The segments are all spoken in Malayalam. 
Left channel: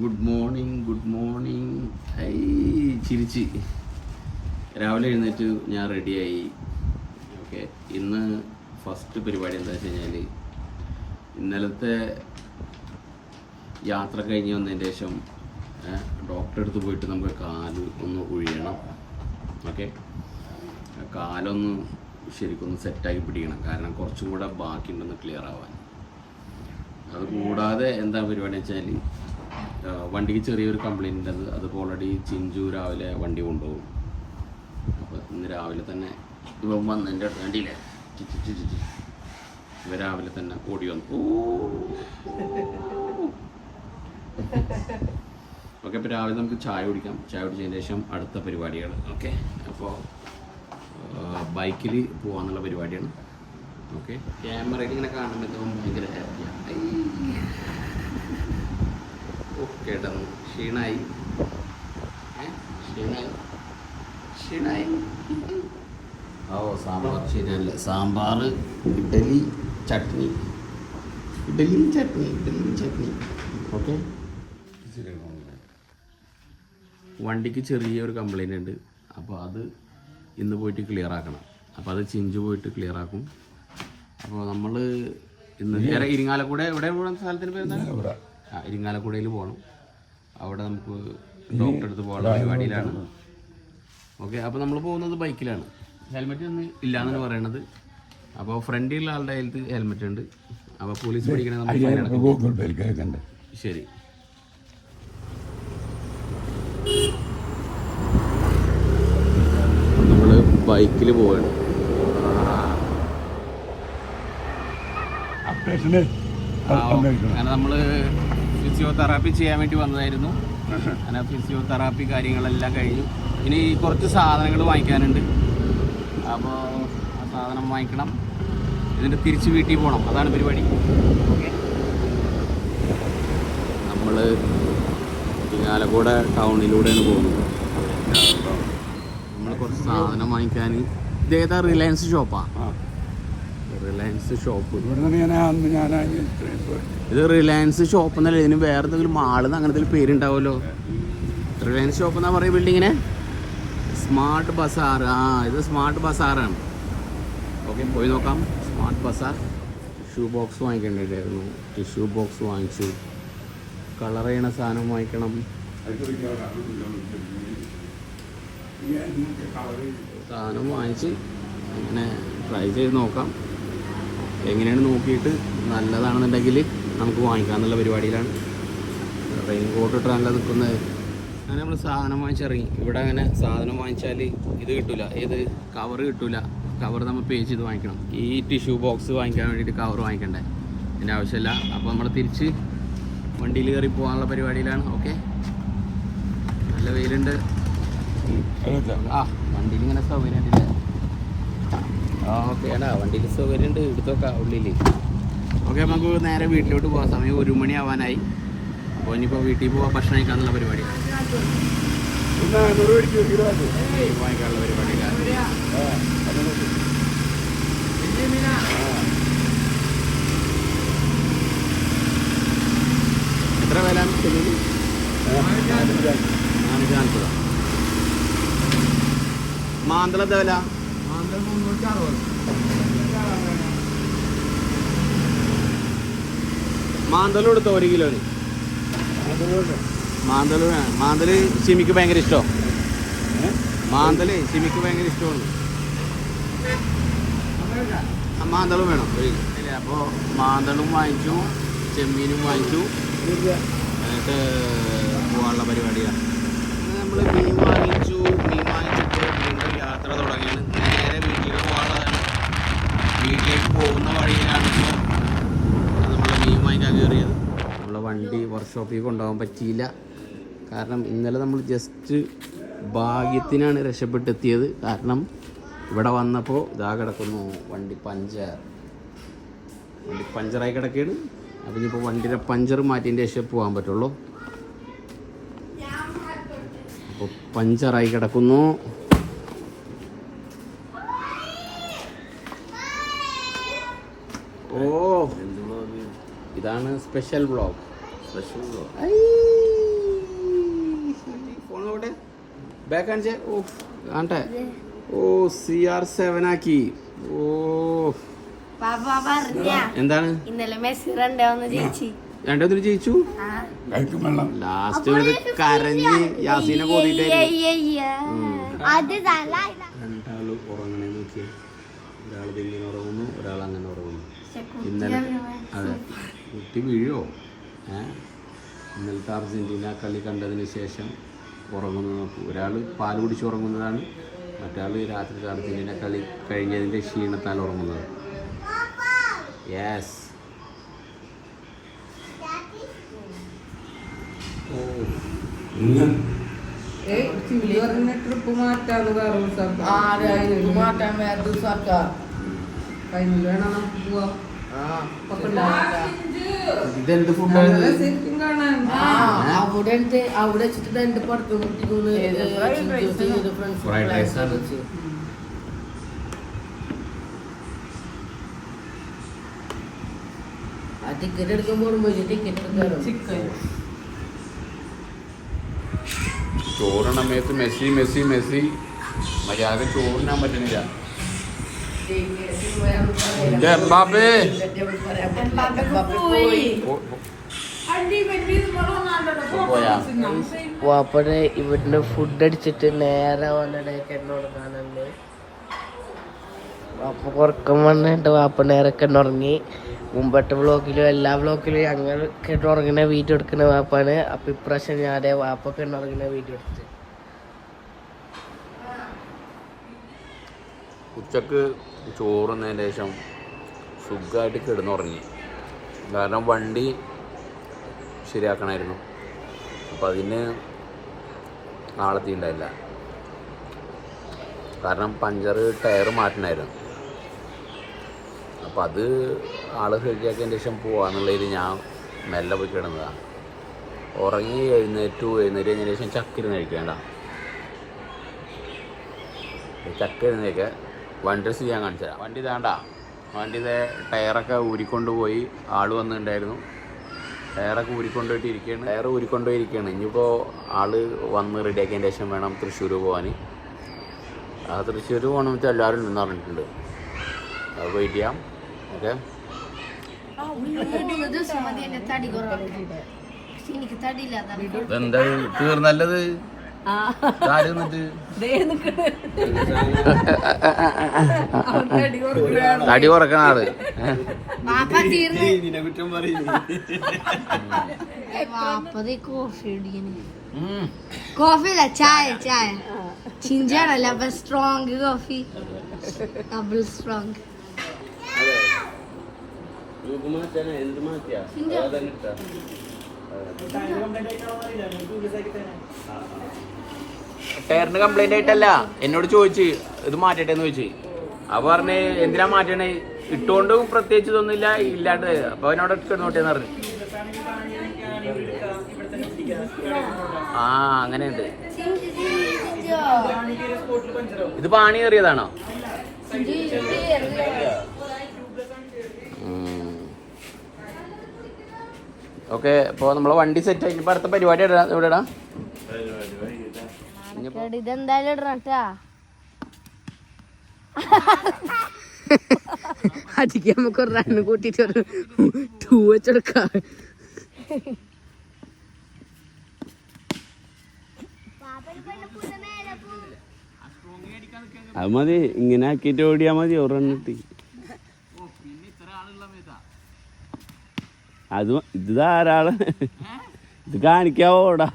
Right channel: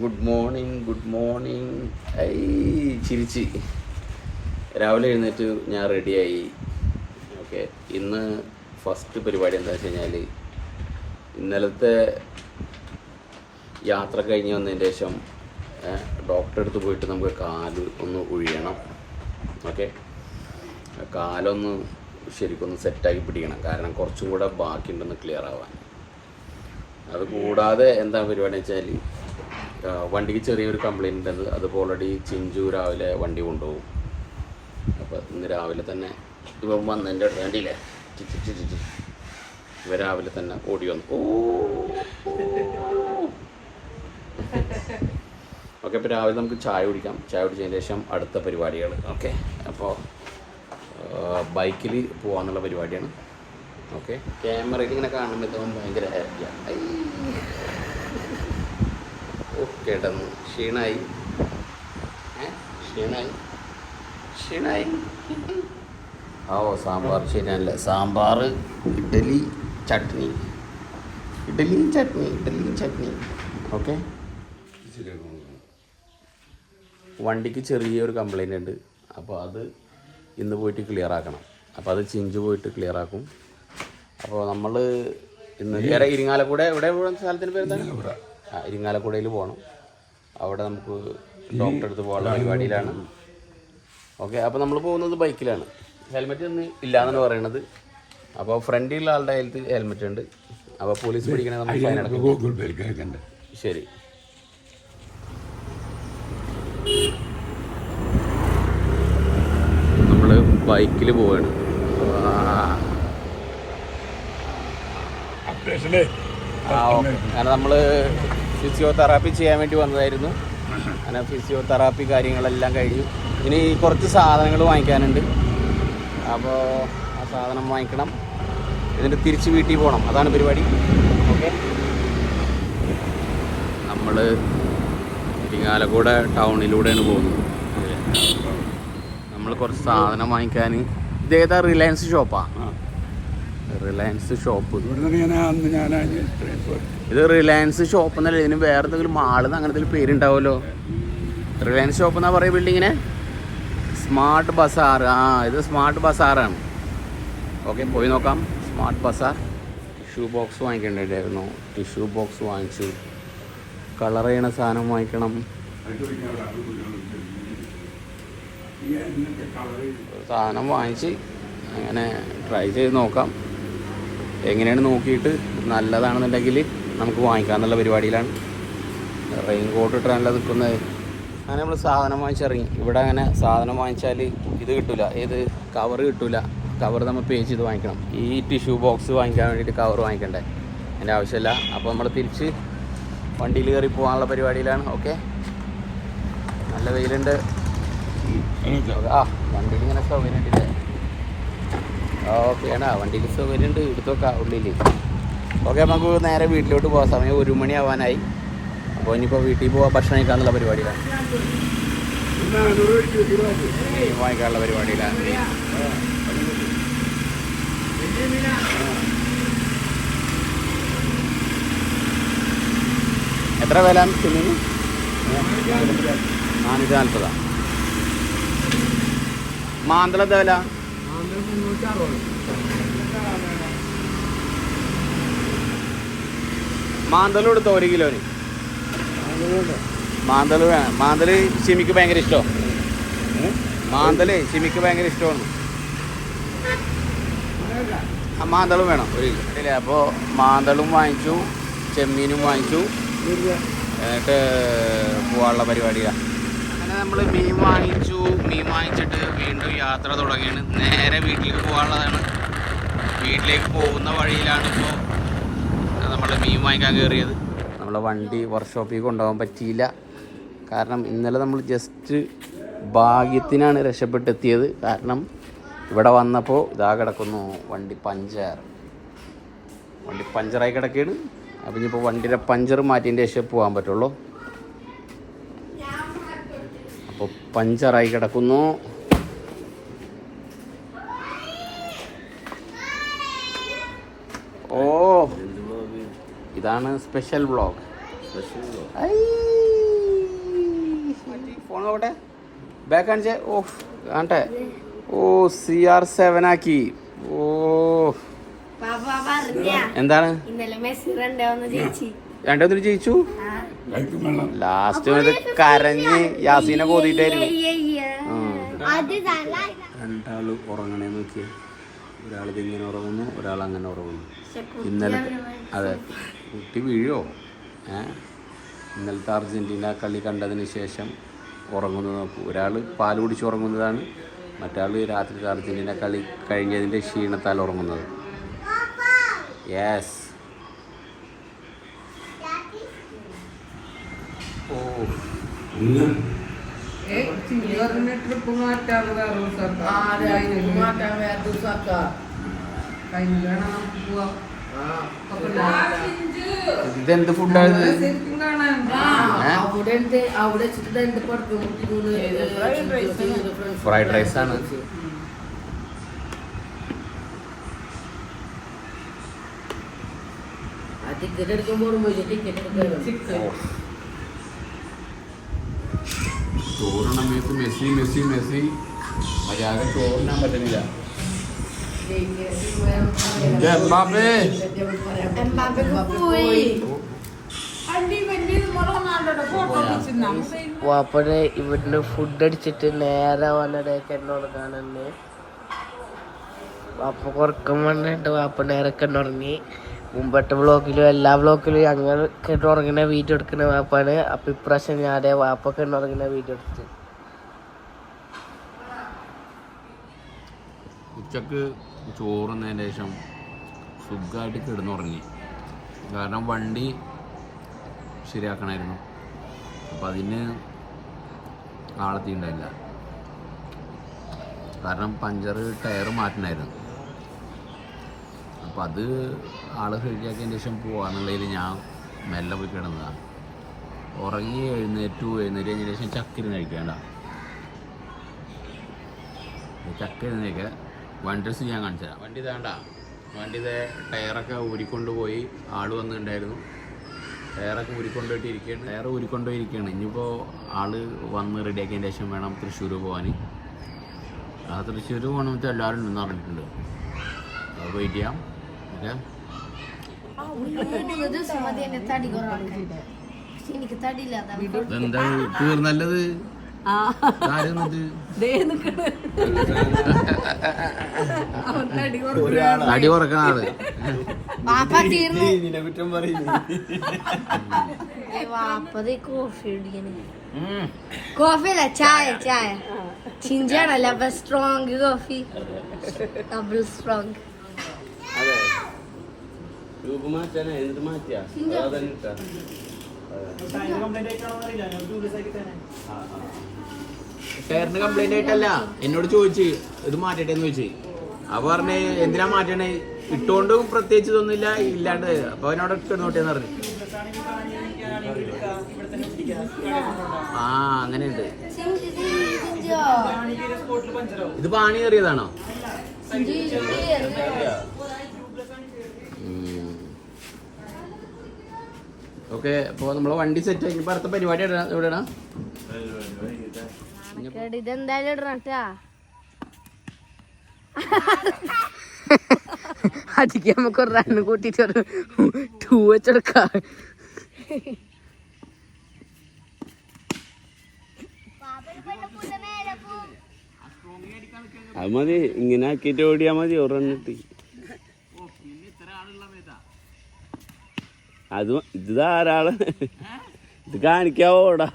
Good morning. ഐ ചിരിച്ച് രാവിലെ എഴുന്നേറ്റ് ഞാൻ റെഡിയായി. ഓക്കെ, ഇന്ന് ഫസ്റ്റ് പരിപാടി എന്താ വെച്ച് കഴിഞ്ഞാൽ ഇന്നലത്തെ യാത്ര കഴിഞ്ഞ് വന്നതിന് ശേഷം ഡോക്ടറെ അടുത്ത് പോയിട്ട് നമുക്ക് കാല് ഒന്ന് ഒഴിയണം. ഓക്കെ, കാലൊന്ന് ശരിക്കൊന്ന് സെറ്റാക്കി പിടിക്കണം, കാരണം കുറച്ചും കൂടെ ബാക്കിയുണ്ടെന്ന് ക്ലിയർ ആവാൻ. അത് കൂടാതെ എന്താ പരിപാടി വെച്ചാൽ വണ്ടിക്ക് ചെറിയൊരു കംപ്ലൈൻറ്റ് ഉണ്ടത്. അതിപ്പോൾ ഓൾറെഡി ചിഞ്ചു രാവിലെ വണ്ടി കൊണ്ടുപോകും. അപ്പോൾ ഇന്ന് രാവിലെ തന്നെ ഇവ വന്നതിൻ്റെ വേണ്ടിയില്ലേ ഇവ രാവിലെ തന്നെ ഓടി വന്നു. ഓക്കെ, അപ്പോൾ രാവിലെ നമുക്ക് ചായ കുടിക്കാം. ചായ കുടിച്ചതിന് ശേഷം അടുത്ത പരിപാടികൾ. ഓക്കെ, അപ്പോൾ ബൈക്കിൽ പോകാമെന്നുള്ള പരിപാടിയാണ്. ഓക്കെ, ക്യാമറയിൽ ഇങ്ങനെ കാണുമ്പോൾ തോന്നുന്നു ഭയങ്കര ഹാപ്പിയാണ്. കേട്ടന്നു ക്ഷീണായി. സാമ്പാർ ശരിയല്ല. സാമ്പാർ, ഇഡലി ചട്നി. ഓക്കെ, വണ്ടിക്ക് ചെറിയൊരു കംപ്ലൈൻ്റ് ഉണ്ട്. അപ്പോൾ അത് ഇന്ന് പോയിട്ട് ക്ലിയർ ആക്കണം. അപ്പോൾ അത് ചിഞ്ചു പോയിട്ട് ക്ലിയർ ആക്കും. അപ്പോൾ നമ്മൾ ഇന്ന് ഇരിങ്ങാലക്കുട എവിടെ സ്ഥലത്തിന് പേര് ഇരിങ്ങാലക്കുടയിൽ പോകണം. അവിടെ നമുക്ക് ഡോക്ടറെ അടുത്ത് പോകാനുള്ള പരിപാടിയിലാണ്. ഓക്കെ, അപ്പോൾ നമ്മൾ പോകുന്നത് ബൈക്കിലാണ്. ഹെൽമെറ്റ് ഒന്നും ഇല്ല എന്നാണ് പറയണത്. അപ്പോൾ ഫ്രണ്ടിലുള്ള ആളുടെ കയ്യിൽ ഹെൽമെറ്റ് ഉണ്ട്. അപ്പോൾ പോലീസ് പിടിക്കണേ നമുക്ക് ഫൈൻ അടക്കും. ശരി, നമ്മൾ ബൈക്കിൽ പോവുകയാണ്. അങ്ങനെ നമ്മൾ ഫിസിയോതെറാപ്പി ചെയ്യാൻ വേണ്ടി വന്നതായിരുന്നു. അങ്ങനെ ഫിസിയോതെറാപ്പി കാര്യങ്ങളെല്ലാം കഴിഞ്ഞു. ഇനി കുറച്ച് സാധനങ്ങൾ വാങ്ങിക്കാനുണ്ട്. അപ്പോൾ ആ സാധനം വാങ്ങിക്കണം, എന്നിട്ട് തിരിച്ച് വീട്ടിൽ പോകണം. അതാണ് പരിപാടി. ഓക്കെ, നമ്മൾ ഇരിങ്ങാലക്കുട ടൗണിലൂടെയാണ് പോകുന്നത്. നമ്മൾ കുറച്ച് സാധനം വാങ്ങിക്കാൻ. ഇതേതാ റിലയൻസ് ഷോപ്പാ? Reliance shop. ഇത് റിലയൻസ് ഷോപ്പ് എന്നല്ല, ഇതിന് വേറെ എന്തെങ്കിലും മാളെന്ന് അങ്ങനത്തെ പേരുണ്ടാവുമല്ലോ. റിലയൻസ് ഷോപ്പ് എന്നാ പറയുക ബിൽഡിങ്ങിന്. സ്മാർട്ട് ബസാർ. ഇത് സ്മാർട്ട് ബസാറാണ്. ഓക്കെ, പോയി നോക്കാം. Smart Bazaar. ടിഷ്യൂ ബോക്സ് വാങ്ങിക്കേണ്ടിട്ടായിരുന്നു. ടിഷ്യൂ ബോക്സ് വാങ്ങിച്ചു. കളർ ചെയ്യണ സാധനം വാങ്ങിക്കണം. സാധനം വാങ്ങിച്ച് അങ്ങനെ ട്രൈ ചെയ്ത് നോക്കാം. എങ്ങനെയാണ് നോക്കിയിട്ട് നല്ലതാണെന്നുണ്ടെങ്കിൽ നമുക്ക് വാങ്ങിക്കാമെന്നുള്ള പരിപാടിയിലാണ്. റെയിൻ കോട്ട് ഇട്ടാണല്ലോ നിൽക്കുന്നത്. അങ്ങനെ നമ്മൾ സാധനം വാങ്ങിച്ചിറങ്ങി. ഇവിടെ അങ്ങനെ സാധനം വാങ്ങിച്ചാൽ ഇത് കിട്ടില്ല, ഏത് കവർ കിട്ടില്ല. കവർ നമ്മൾ പേ ചെയ്ത് വാങ്ങിക്കണം. ഈ ടിഷ്യൂ ബോക്സ് വാങ്ങിക്കാൻ വേണ്ടിയിട്ട് കവർ വാങ്ങിക്കണ്ടേ, അതിൻ്റെ ആവശ്യമില്ല. അപ്പോൾ നമ്മൾ തിരിച്ച് വണ്ടിയിൽ കയറി പോകാനുള്ള പരിപാടിയിലാണ്. ഓക്കെ, നല്ല വെയിലുണ്ട്. വണ്ടിയിൽ ഇങ്ങനെ സൗകര്യം ഉണ്ടല്ലേ. ഓക്കെ, വണ്ടിക്ക് സൗകര്യം ഉണ്ട്. എടുത്തൊക്കെ ഉള്ളിൽ. ഓക്കെ, നമുക്ക് നേരെ വീട്ടിലോട്ട് പോകാൻ സമയം 1 മണി ആവാനായി. അപ്പോൾ ഇനിയിപ്പോൾ വീട്ടിൽ പോകാൻ ഭക്ഷണം കഴിക്കാനുള്ള പരിപാടിയിലാണ്. വാങ്ങിക്കാനുള്ള പരിപാടിയിലാണ്. എത്ര വില ചെമ്മീന്? 440. മാന്തള എന്താ വില? മാന്തൽ കൊടുത്തോ 1 കിലോന്? മാന്തൽ വേണം. മാന്തൽ ചിമിക്ക് ഭയങ്കര ഇഷ്ടമാണ്. ചിമിക്ക് ഭയങ്കര ഇഷ്ടമാണ്. മാന്തളും വേണം. അപ്പോൾ മാന്തളും വാങ്ങിച്ചു, ചെമ്മീനും വാങ്ങിച്ചു. എന്നിട്ട് പോകാനുള്ള പരിപാടിയാണ്. അങ്ങനെ നമ്മൾ മീൻ വാങ്ങിച്ചിട്ട് വീണ്ടും യാത്ര തുടങ്ങിയാണ്. നേരെ വീട്ടിലേക്ക് പോകാനുള്ളതാണ്. വീട്ടിലേക്ക് പോകുന്ന വഴിയിലാണ് ഇപ്പോൾ നമ്മൾ മീൻ വാങ്ങിക്കാൻ കയറിയത്. നമ്മളെ വണ്ടി വർക്ക്ഷോപ്പിൽ കൊണ്ടുപോകാൻ പറ്റിയില്ല. കാരണം ഇന്നലെ നമ്മൾ ജസ്റ്റ് ഭാഗ്യത്തിനാണ് രക്ഷപ്പെട്ടെത്തിയത്. കാരണം ഇവിടെ വന്നപ്പോൾ ഇതാ കിടക്കുന്നു വണ്ടി പഞ്ചറായി കിടക്കുകയാണ്. അപ്പം ഇനിയിപ്പോൾ വണ്ടിയുടെ പഞ്ചർ മാറ്റിയതിൻ്റെ ശേഷം പോകാൻ പറ്റുള്ളൂ. അപ്പോൾ പഞ്ചറായി കിടക്കുന്നു. ഇതാണ് സ്പെഷ്യൽ വ്ളോഗ്. ബാക്ക് കാണിച്ചേ. ഓ കാണട്ടെ. ഓ CR7 ആക്കി. ഓ എന്താണ് രണ്ടൊന്നും ജയിച്ചു. ലാസ്റ്റ് കരഞ്ഞ് യാസീനെ കോതിട്ടായിരുന്നു. രണ്ടാള് ഉറങ്ങണേ നോക്കി. ഒരാൾ ഇങ്ങനെ ഉറങ്ങുന്നു, ഒരാൾ അങ്ങനെ ഉറങ്ങുന്നു. ഇന്നലെ അതെ കുട്ടി വീഴോ. ഇന്നലത്തെ അർജന്റീന കളി കണ്ടതിന് ശേഷം ഉറങ്ങുന്നത് നോക്കൂ. ഒരാൾ പാൽ കുടിച്ച് ഉറങ്ങുന്നതാണ്, മറ്റാൾ രാത്രി അർജന്റീന കളി കഴിഞ്ഞതിൻ്റെ ക്ഷീണത്താൽ ഉറങ്ങുന്നത്. യെസ്. ഓ ഇതെന്ത് ഫുഡാണ്? ഫ്രൈഡ് റൈസ് ആണ്. ടിക്കറ്റ് എടുക്കുമ്പോൾ ചോറിന മേത്ത് മെസ്സി മെസ്സി മെസ്സി മര്യാദ ചോറിനാൻ പറ്റുന്നില്ല. വാപ്പനെ ഇവിടുന്ന് ഫുഡ് അടിച്ചിട്ട് നേരെ വന്നിടേക്ക് എന്നോട് കാണാണ്ട് വാപ്പ കുറക്കം വന്നിട്ട് വാപ്പ നേരെ കിടന്നുറങ്ങി. മുമ്പത്തെ വ്ളോഗിലും എല്ലാ വ്ളോഗിലും ഞങ്ങൾ കിടന്നുറങ്ങുന്ന വീഡിയോ എടുക്കുന്ന വാപ്പാണ്. അപ്പൊ ഇപ്രാവശ്യം ഞാൻ വാപ്പ കിടന്നുറങ്ങുന്ന വീഡിയോ എടുത്തു. ഉച്ചക്ക് ചോറുന്നതിന് ശേഷം സുഖമായിട്ട് കിടന്നുറങ്ങി. കാരണം വണ്ടി ശരിയാക്കണമായിരുന്നു. അപ്പം അതിന് ആളെത്തിണ്ടായില്ല. കാരണം പഞ്ചർ ടയർ മാറ്റണമായിരുന്നു. അപ്പം അത് ആൾ ശരിയാക്കിയതിന് ശേഷം പോവാന്നുള്ളതിൽ ഞാൻ മെല്ലെ പോയി കിടന്നതാണ്. ഉറങ്ങി എഴുന്നേറ്റ് കഴിഞ്ഞതിന് ശേഷം ചക്കിരുന്ന് കഴിക്കേണ്ട. ചക്കിരുന്നേക്ക് വണ്ടി ചെയ്യാൻ കാണിച്ചു തരാം. വണ്ടി ഇതാണ്ട, വണ്ടി ഇതേ ടയറൊക്കെ ഊരിക്കൊണ്ടുപോയി. ആൾ വന്നിട്ടുണ്ടായിരുന്നു. ടയറൊക്കെ ഊരിക്കൊണ്ടുപോയിട്ട് ഇരിക്കുകയാണ്. ടയർ ഊരിക്കൊണ്ടുപോയിരിക്കുകയാണ്. ഇനിയിപ്പോൾ ആൾ വന്ന് റെഡിയാക്കിയതിന് ശേഷം വേണം തൃശ്ശൂർ പോകാൻ. ആ തൃശ്ശൂർ പോകണമെന്ന് വെച്ചാൽ എല്ലാവരും ഉണ്ടെന്ന് പറഞ്ഞിട്ടുണ്ട്. അത് വെയിറ്റ് ചെയ്യാം. ഓക്കെ. എന്താ തീർന്നല്ലത് തടി കുറക്കണ ആള്. കോഫി അല്ല, ചായ. ചായ ചിഞ്ചാണല്ല, അപ്പൊ സ്ട്രോങ് കോഫി, ഡബിൾ സ്ട്രോങ്. ടയറിന് കംപ്ലൈന്റ് ആയിട്ടല്ല, എന്നോട് ചോദിച്ച് ഇത് മാറ്റട്ടെന്ന് ചോദിച്ചു. അപ്പൊ പറഞ്ഞ് എന്തിനാ മാറ്റണേ, ഇട്ടുകൊണ്ടും പ്രത്യേകിച്ച് ഇതൊന്നുമില്ല, ഇല്ലാണ്ട്. അപ്പൊ അവനോടൊക്കെ നോട്ടേന്ന് പറഞ്ഞു. ആ അങ്ങനെയുണ്ട്. ഇത് പാണി കയറിയതാണോ? ഓക്കെ. അപ്പോൾ നമ്മളെ വണ്ടി സെറ്റ് ആയി. ഇപ്പൊ അടുത്ത പരിപാടി എവിടെടാ? ഇതെന്തായാലും ഇടണട്ടാ. അടിക്ക് നമുക്ക് ഒരു റണ്ണ് കൂട്ടിട്ട് ഒരു 2 വെച്ചെടുക്കാം. അത് മതി, ഇങ്ങനെ ആക്കിയിട്ട് ഓടിയാ മതി. ഒരെണ്ണിട്ട് അത് ഇത് ധാരാളം. ഇത് കാണിക്കാവോ ഓടാ?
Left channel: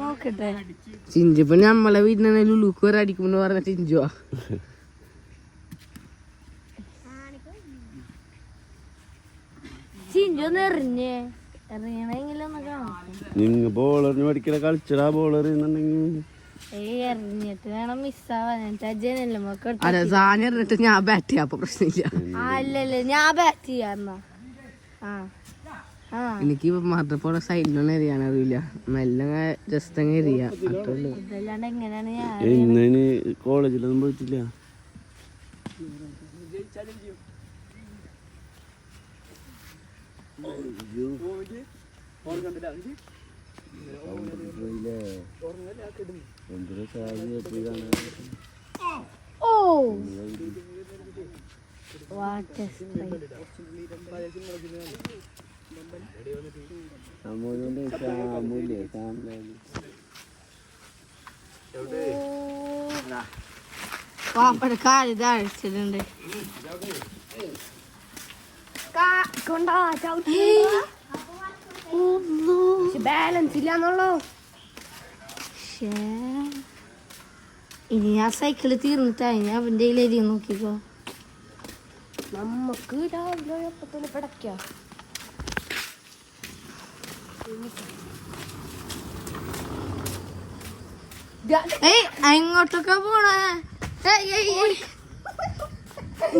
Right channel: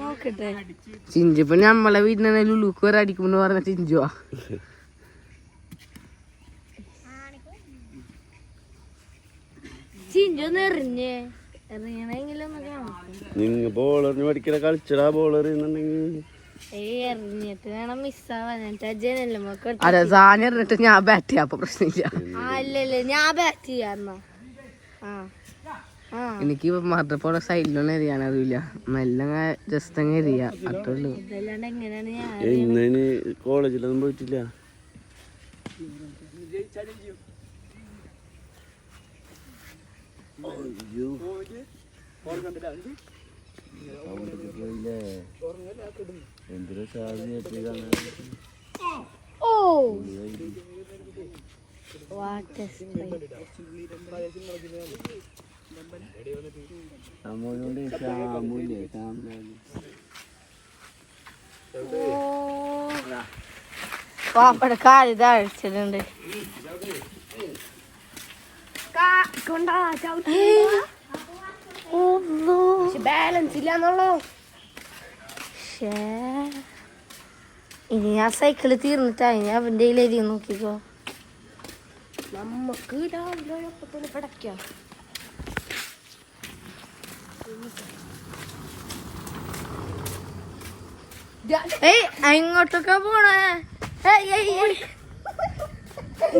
നോക്കട്ടെ. ചിഞ്ചിപ്പോ നമ്മളെ വീട്ടിൽ ലുലുക്ക് വരെ അടിക്കുമെന്ന് പറഞ്ഞ ചിഞ്ചുവാ. ചിഞ്ചൊന്ന് എറിഞ്ഞെങ്കിലൊന്ന് കാണാം. നിങ്ങ ബോളറിന് പഠിക്കണ കളിച്ചടാ. ബോളർ എറിഞ്ഞിട്ട് വേണം മിസ്സാവാൻ. ജനല്ലേ അതെ, സാധനം എറിഞ്ഞിട്ട് ഞാൻ ബാറ്റ് ചെയ്യാം. അപ്പൊ പ്രശ്നമില്ല. അല്ലല്ലേ, ഞാൻ ബാറ്റ് ചെയ്യാന്ന. എനിക്ക് മറ്റപ്പോടെ സൈഡിലൊന്നും എറിയാൻ അറിയില്ല. മെല്ലെ ജസ്റ്റ് അങ്ങ് എറിയാം, അത്രേ ഉള്ളൂ. ഇതല്ലാണ്ട് എങ്ങനെയാണ് ഞാൻ ഇന്ന് കോളേജിലൊന്നും പോയിട്ടില്ല. Oh, what a spray. പാപ്പയുടെ കാല് താഴ്ചിട്ടുണ്ട്. ബാലൻസ് ഇല്ലാന്നുള്ളൂ. ഇനി ആ സൈക്കിള് തീർന്നിട്ടായി ഞാൻ അവന്റെ കയ്യിലേക്ക് നോക്കിക്കോ. നമുക്ക് രാവിലെ എപ്പത്തിന് പടക്കാം. അങ്ങോട്ടൊക്കെ പോണേ.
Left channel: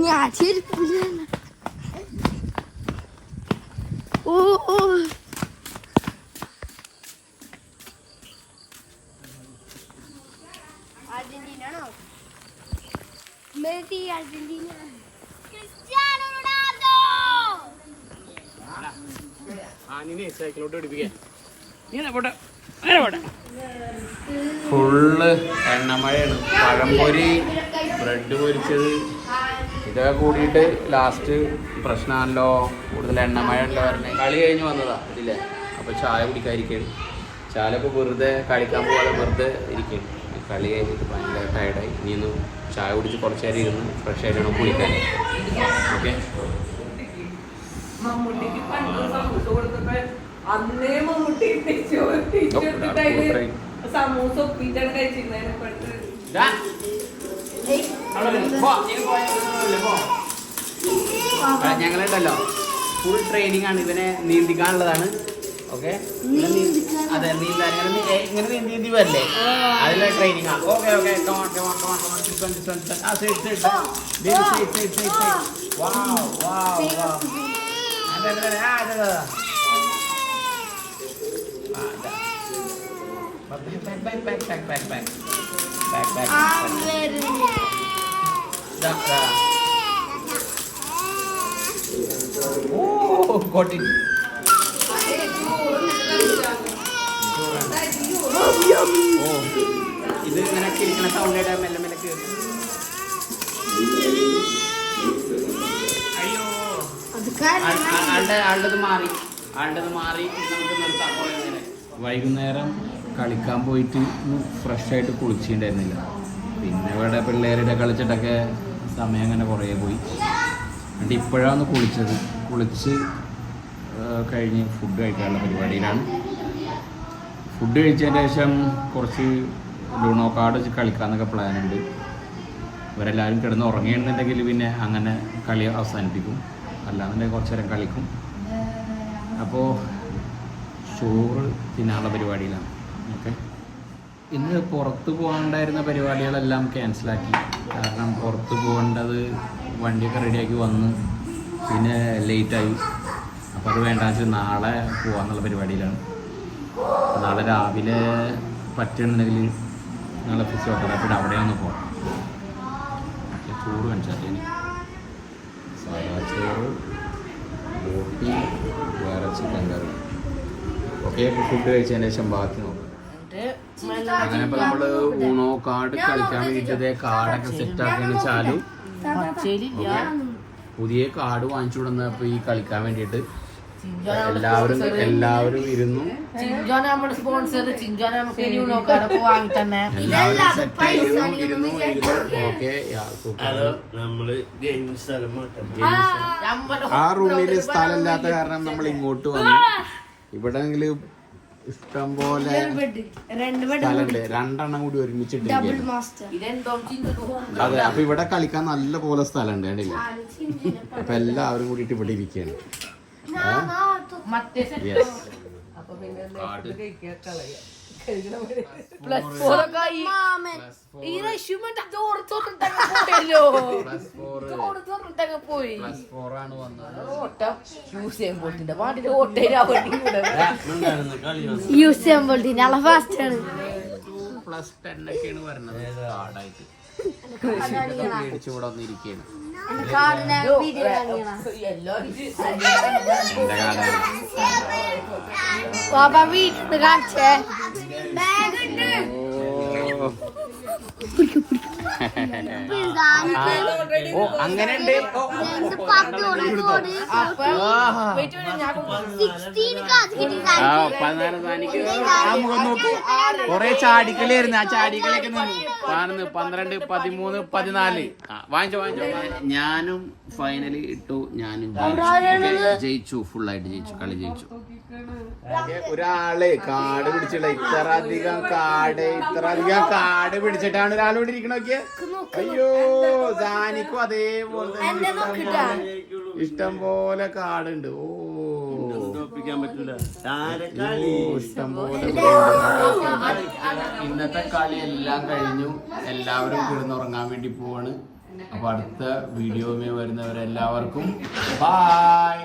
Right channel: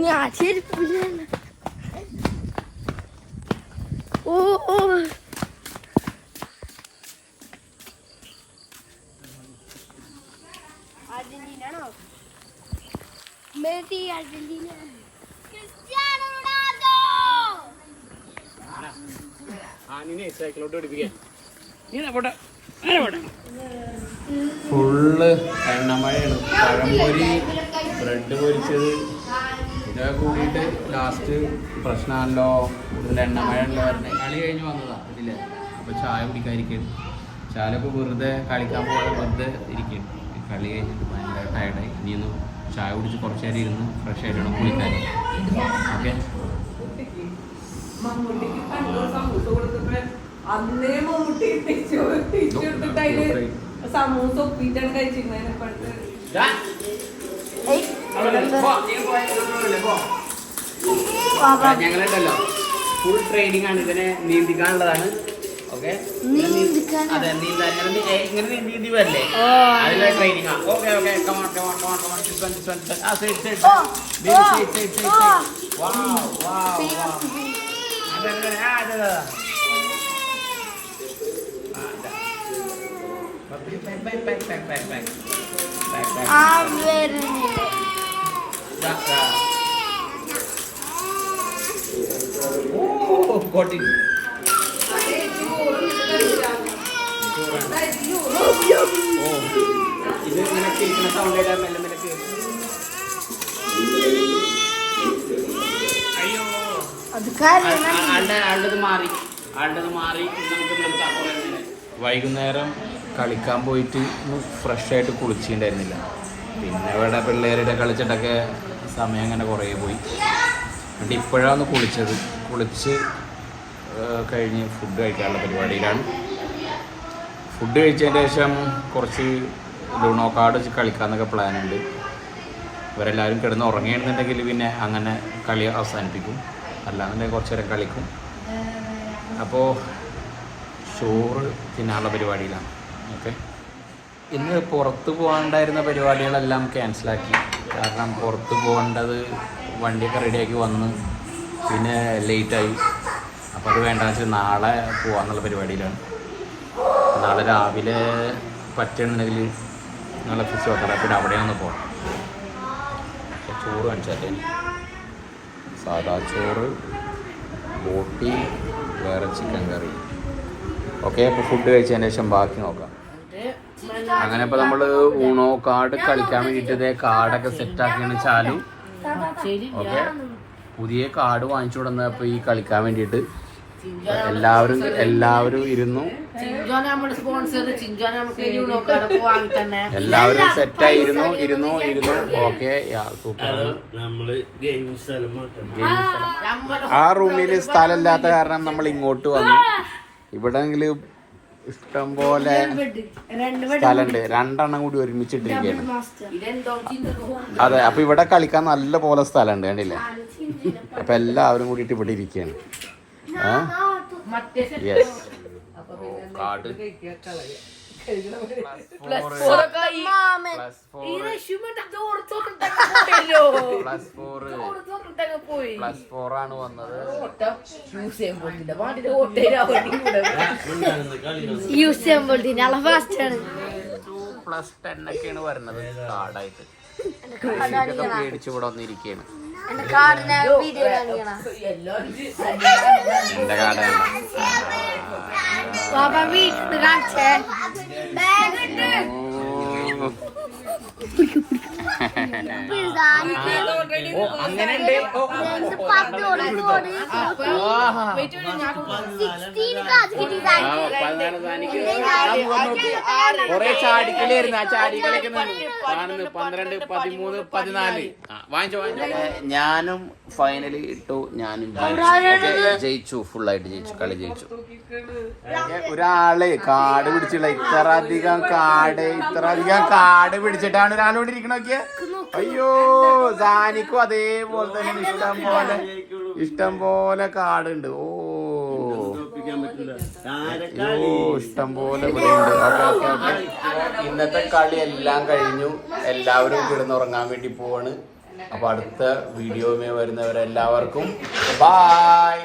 ഞാൻ ചെരുപ്പില്ല. ഓ ഓ അർജന്റീനാണോ? Messi Argentina. Cristiano Ronaldo. സൈക്കിളോട്ട് പിടിപ്പിക്കാൻ ഫുള്ള് എണ്ണമഴയാണ്. പഴംപൊരി, ബ്രെഡ് പൊരിച്ചത് ഇതൊക്കെ കൂടിയിട്ട് ലാസ്റ്റ് പ്രശ്നമല്ലോ. കൂടുതൽ എണ്ണമഴ ഉണ്ടല്ലോ പറഞ്ഞത്. കളി കഴിഞ്ഞ് വന്നതാ ഇതില്ലേ. അപ്പോൾ ചായ കുടിക്കാതിരിക്കുകയാണ്. ചായ ഇപ്പോൾ വെറുതെ കളിക്കാൻ പോകാതെ വെറുതെ ഇരിക്കുകയാണ്. കളി കഴിഞ്ഞിട്ട് ഭയങ്കര ടയർഡായി. ഇനിയൊന്ന് ചായ കുടിച്ച് കുറച്ച് നേരം ഇരുന്ന് ഫ്രഷ് ആയിട്ടാണ് കുളിക്കാൻ. ഓക്കെ, ഞങ്ങളുണ്ടല്ലോ ഫുൾ ട്രെയിനിങ് ആണ്. ഇതിനെ നീന്തിക്കാനുള്ളതാണ്. ഓക്കെ, അതെ നീന്താൻ ഇങ്ങനെ നീന്തി വരല്ലേ, അതിനുള്ള ട്രെയിനിങ് ആണ്. Okay okay, got it. Oh, ഇത് ഇങ്ങനെ കിളിക്കുന്ന സൗണ്ട് കേട്ടാൽ മെല്ലെ മെല്ലെ കേൾക്കും. ആളുടേത് മാറി നമുക്ക് നിർത്താം. വൈകുന്നേരം കളിക്കാൻ പോയിട്ട് ഫ്രഷ് ആയിട്ട് കുളിച്ചിട്ടുണ്ടായിരുന്നില്ല. പിന്നെ ഇവിടെ പിള്ളേരുടെ കളിച്ചിട്ടൊക്കെ സമയം അങ്ങനെ കുറേ പോയി. എന്നിട്ട് ഇപ്പോഴാണ് കുളിച്ചത്. കുളിച്ച് കഴിഞ്ഞ് ഫുഡ് കഴിക്കാനുള്ള പരിപാടിയിലാണ്. ഫുഡ് കഴിച്ചതിന് ശേഷം കുറച്ച് ലൂണോ കാർഡ് കളിക്കാമെന്നൊക്കെ പ്ലാനുണ്ട്. ഇവരെല്ലാവരും കിടന്ന് ഉറങ്ങിയെന്നുണ്ടെങ്കിൽ പിന്നെ അങ്ങനെ കളി അവസാനിപ്പിക്കും. അല്ലാന്നുണ്ടെങ്കിൽ കുറച്ച് നേരം കളിക്കും. അപ്പോൾ ചോറ് തിന്നാനുള്ള പരിപാടിയിലാണ്. ഓക്കെ, ഇന്ന് പുറത്ത് പോകാനുണ്ടായിരുന്ന പരിപാടികളെല്ലാം ക്യാൻസലാക്കി. കാരണം പുറത്ത് പോകേണ്ടത് വണ്ടിയൊക്കെ റെഡിയാക്കി വന്ന് പിന്നെ ലേറ്റായി. അപ്പോൾ അത് വേണ്ടെന്ന് വെച്ചാൽ നാളെ പോകാമെന്നുള്ള പരിപാടിയിലാണ്. നാളെ രാവിലെ പറ്റുന്നുണ്ടെങ്കിൽ നാളെ ഫിസിയോതെറാപ്പിയുടെ അവിടെ ഒന്ന് പോകണം. ചോറ് കാണിച്ചാൽ സാധാ ചോറ്, ബോട്ടി, വേറെ ചിക്കൻ കറി. ഓക്കെ, അപ്പോൾ ഫുഡ് കഴിച്ചതിന് ശേഷം ബാക്കി നോക്കാം. അങ്ങനെ ഇപ്പോൾ നമ്മൾ ഊണോ കാർഡ് കളിക്കാൻ വേണ്ടിയിട്ട് കാർഡൊക്കെ സെറ്റാക്കിയാണ് ചാലു. ഓക്കെ, പുതിയ കാർഡ് വാങ്ങിച്ചു കൊടുന്നപ്പോൾ ഈ കളിക്കാൻ വേണ്ടിയിട്ട് എല്ലാവരും ഇരുന്നു. എല്ലാവരും സെറ്റായി ഇരുന്നു. ഓക്കെ, ആ റൂമിൽ സ്ഥലമില്ലാത്ത കാരണം നമ്മൾ ഇങ്ങോട്ട് വന്നു. ഇവിടെ ഇഷ്ടം പോലെ സ്ഥലമുണ്ട്. 2 എണ്ണം കൂടി ഒരുമിച്ചിട്ടിരിക്കുകയാണ്. അതെ, അപ്പൊ ഇവിടെ കളിക്കാൻ നല്ല പോലെ സ്ഥലമുണ്ട്, കണ്ടില്ലേ? അപ്പൊ എല്ലാവരും കൂടിയിട്ട് ഇവിടെ ഇരിക്കുകയാണ്. യൂസ് ഫാസ്റ്റ് ആണ്. +10 ഒക്കെയാണ് വരുന്നത് കാർഡായിട്ട്. മേടിച്ച് ഇവിടെ വന്നിരിക്കുകയാണ്. എന്റെ കാർഡിനെ വീഡിയോ കാണിക്കണം. എന്റെ കാർഡാണ്. ബാബ വീട്ടിൽ കാണിച്ചേ ബാഗ് ഉണ്ട്. ഓ അങ്ങനെ ഉണ്ട്. 16 കൊറേ ചാടിക്കളിയായിരുന്നു. ആ ചാടിക്കളിയൊക്കെ കാണുന്നു. 12, 13, 14 വാങ്ങിച്ചോ. ഞാനും ഫൈനലി ഇട്ടു. ഞാനും ജയിച്ചു. ഫുള്ളായിട്ട് ജയിച്ചു. കളി ജയിച്ചു. ഒരാള് കാട് പിടിച്ചില്ല. ഇത്ര അധികം കാട് പിടിച്ചിട്ടാണ് ഒരാളോട് ഇരിക്കണ നോക്കിയ. അയ്യോ സാനിക്കും അതേപോലെ തന്നെ ഇഷ്ടം പോലെ കാടുണ്ട്. ഓ ഇഷ്ടം പോലെ. ഇന്നത്തെ കളി എല്ലാം കഴിഞ്ഞു. എല്ലാവരും കിടന്നുറങ്ങാൻ വേണ്ടി പോവാണ്. അപ്പൊ അടുത്ത വീഡിയോയുമായി വരുന്നവരെല്ലാവർക്കും ബൈ.